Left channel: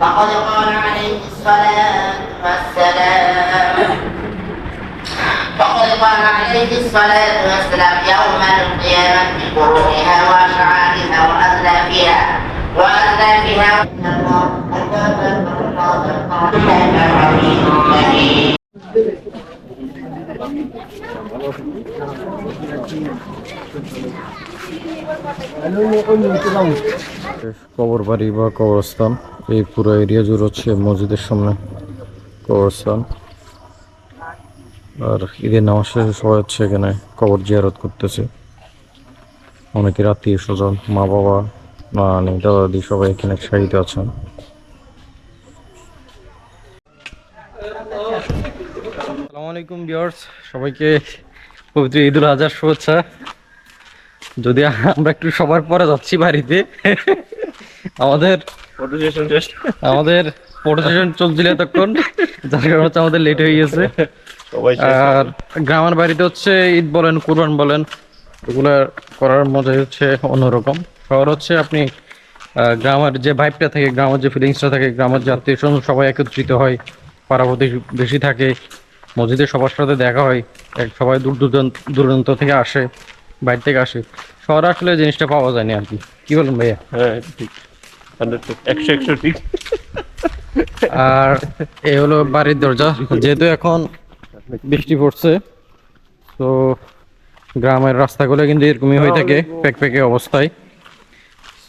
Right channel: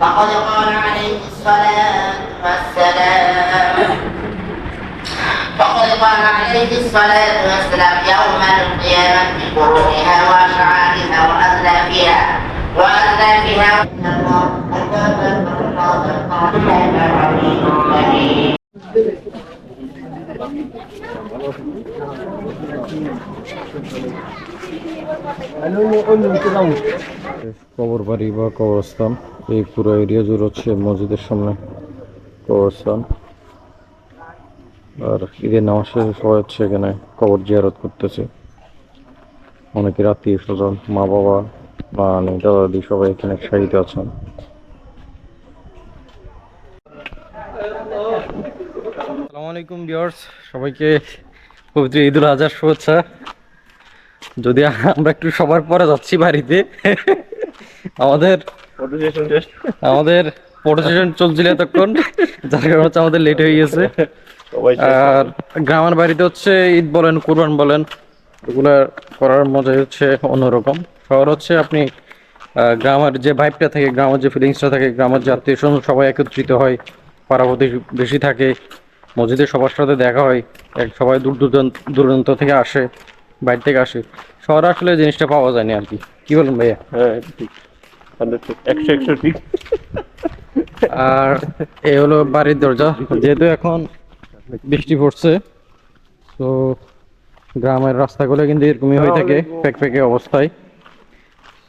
فقد قال عليه الصلاة والسلام فقد قال عليه الصلاة والسلام يوم القيامة بقرونها وأشعارها وأزلافها কবর বাড়ি বা কবরস্থান এই পুরো এরিয়া জুড়ে হচ্ছে মসজিদের সামনে কবরস্থান। আর ঈদের নামাজ শেষে সবাই হচ্ছে এখানে কবর জিয়ারত করতেছে। অনেকের আত্মীয় স্বজন, মা বাবা, নানি দাদা দাদি সবাই এখানে সাহিত্য আছেন। আসসালামু আলাইকুম ভিউয়ার্স, সবাইকে পবিত্র ঈদুল আজহার শুভেচ্ছা। যদি আমরা একটু সবার পরে যাচ্ছি বাড়িতে, আমাদের ফটো সেশন চলছিল এতক্ষণ, যার কারণে হচ্ছে আমাদের লেট হয়ে গেছে। আর গ্রামের বাড়িতে হচ্ছে ঈদ বলেন, কুরবান বলেন, এগুলা করার মজাই হচ্ছে অন্যরকম। শহর হচ্ছে আপনি গ্রামের যে ভাইবটা থাকে, গ্রামের যে ফিলিংসটা থাকে, গ্রামের যে আত্মীয় স্বজন সবাই একত্রিত হয়, পাড়া বেশি থাকে, মসজিদে সবার সাথে দেখা হয়, সবাই দূর দূরান্ত থেকে আসে, বাইরে থেকে আসে। শহরে আসলে জিনিসটা পাওয়া যায়নি আর কি। কি বলেন ভাইয়া? হ্যাঁ ঠিক, 100 ঠিক। আর এ হলো বাড়ির দরজা। যেহেতু এখন বৃষ্টি পড়ছে, তো গ্রামের রাস্তাগুলো কিন্তু এরকমই হয়ে থাকে, প্যাকে অবস্থায়।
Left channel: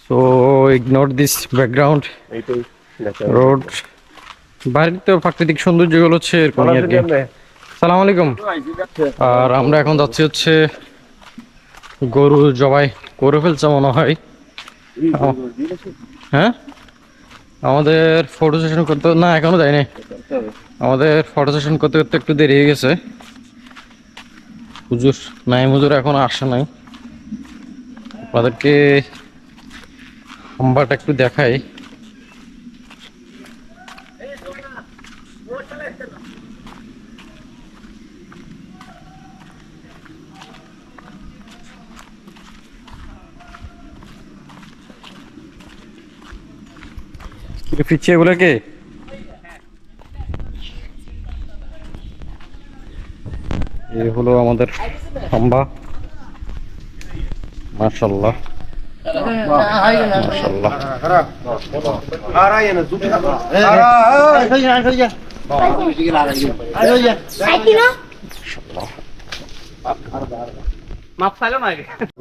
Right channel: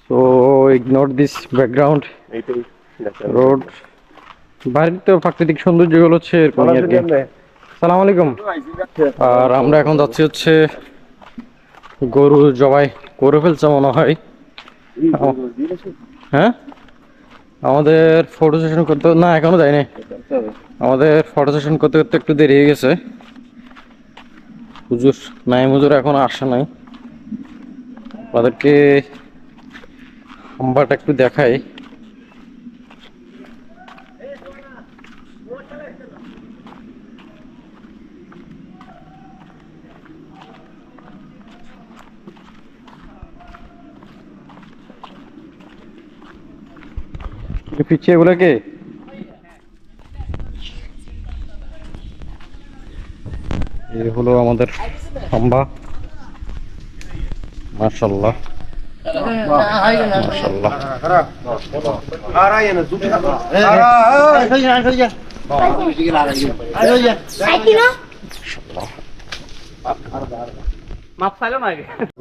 তো ইগনোর দিস ব্যাকগ্রাউন্ড এইটাই রোড। বাড়ির তো প্রাকৃতিক সৌন্দর্যগুলো হচ্ছে এরকমই আর কি। সালাম আলাইকুম। আর আমরা এখন যাচ্ছি হচ্ছে গরু জবাই করে ফেলছে মনে হয়। হ্যাঁ, আমাদের ফটো সেশন করতে না, এখনো যায়নি। আমাদের ফটো সেশন করতে করতে একটু দেরি হয়ে গেছে। হুজুর নাইম হুজুর এখন আসে নাই। আপনাদেরকে হাম্বাটা একটু দেখাই। পিছিয়ে এগুলোকে এই হলো আমাদের হাম্বা। মাশাআল্লাহ মাশাআল্লাহ।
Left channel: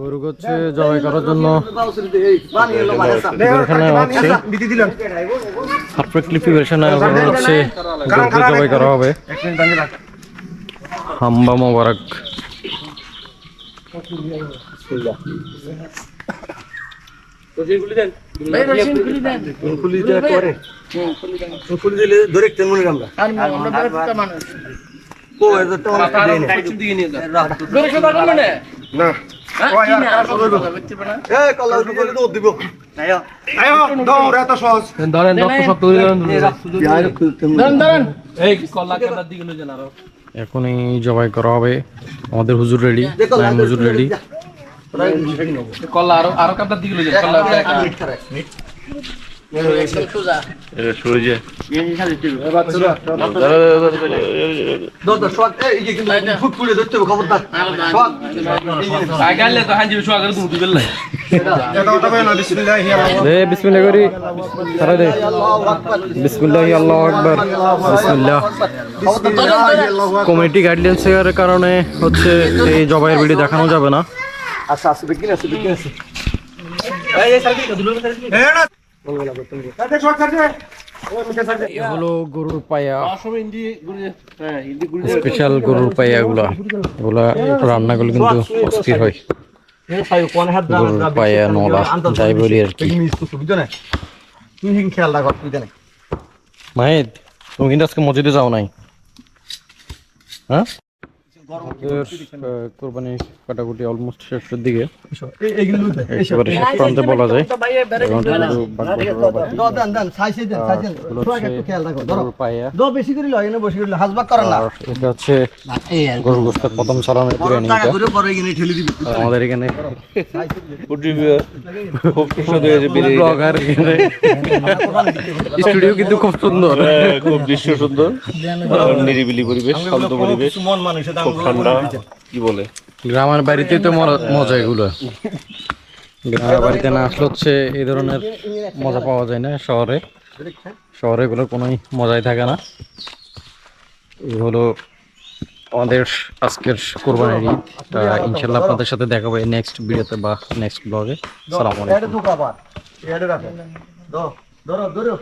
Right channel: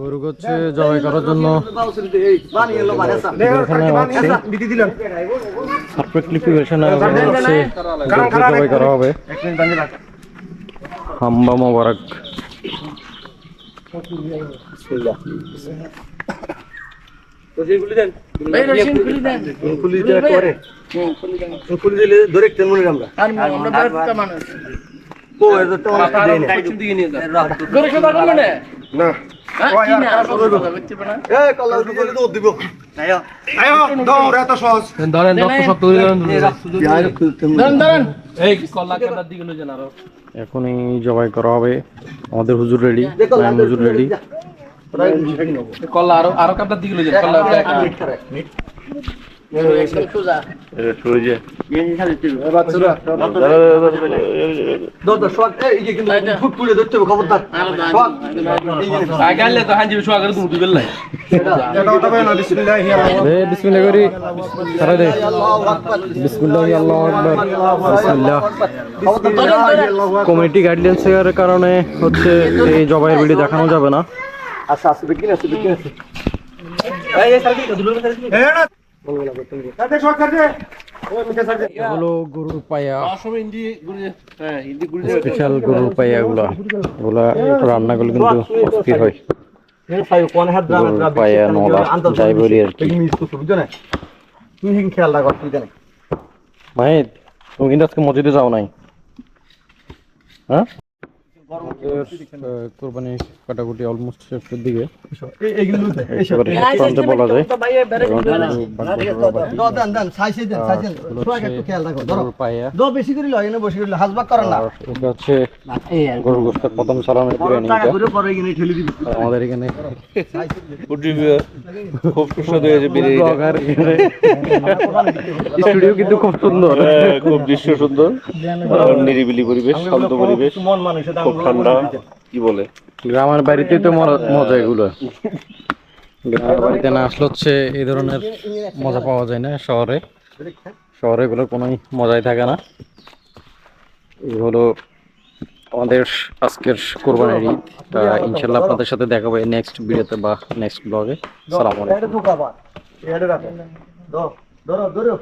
গরু হচ্ছে জবাই করার জন্য জবাই করা হবে। হাম্বা মোবারক। এখনই জবাই করা হবে। আমাদের হুজুর রেডি, হুজুর রেডি। কল্লা আরো কাপড় দিকে লই যান কল্লা কমিটি গাইডলাইন্সের কারণে হচ্ছে এই জবাইয়ের ভিডিও দেখানো যাবে না। আচ্ছা আছে বিক্রি আছে হলো গরুর পায়া, স্পেশাল গরুর পায়া। এগুলা রান্নাগুলো কিন্তু অস্থির হয়। গরুর পায়া নলা যাই বলি আর কি। মাহিদ, তুমি কিন্তু আজকে মসজিদে যাও নাই? হ্যাঁ, কোরবানি কাটাকুটি অলমোস্ট শেষের দিকে এইগুলো একেবারে শেষ প্রান্তে বলা যায় গরুর পায়া বেশি করে লয় না বেশি করে হাজবাক করেন না আর এটা হচ্ছে গরুর গোস্তের প্রথম সালামের বিরিয়ানিটা পরে এখানে ঠেলে দিবি আমাদের এখানে খুব সুস্বাদু হয়েছে বিরিয়ানি ব্লগার স্টুডিও কিন্তু খুব সুন্দর খুব দৃশ্য সুন্দর নিরিবিলি পরিবেশ শান্ত পরিবেশ মন মানুষ খুব ঠান্ডা কি বলে গ্রামের বাড়িতেই তো মজা এগুলো গ্রামের বাড়িতে না আসলে হচ্ছে এই ধরনের মজা পাওয়া যায় না শহরে শহরে এগুলোর কোনোই মজাই থাকে না এই হলো আমাদের আজকের কোরবানির ঈদ ইনশাল্লাহ আপনাদের সাথে দেখা হবে নেক্সট ভিডিওতে বা নেক্সট ব্লগে সালাম আলাইকুম এটা ধোকা বা এটা রাখো ধরো ধরো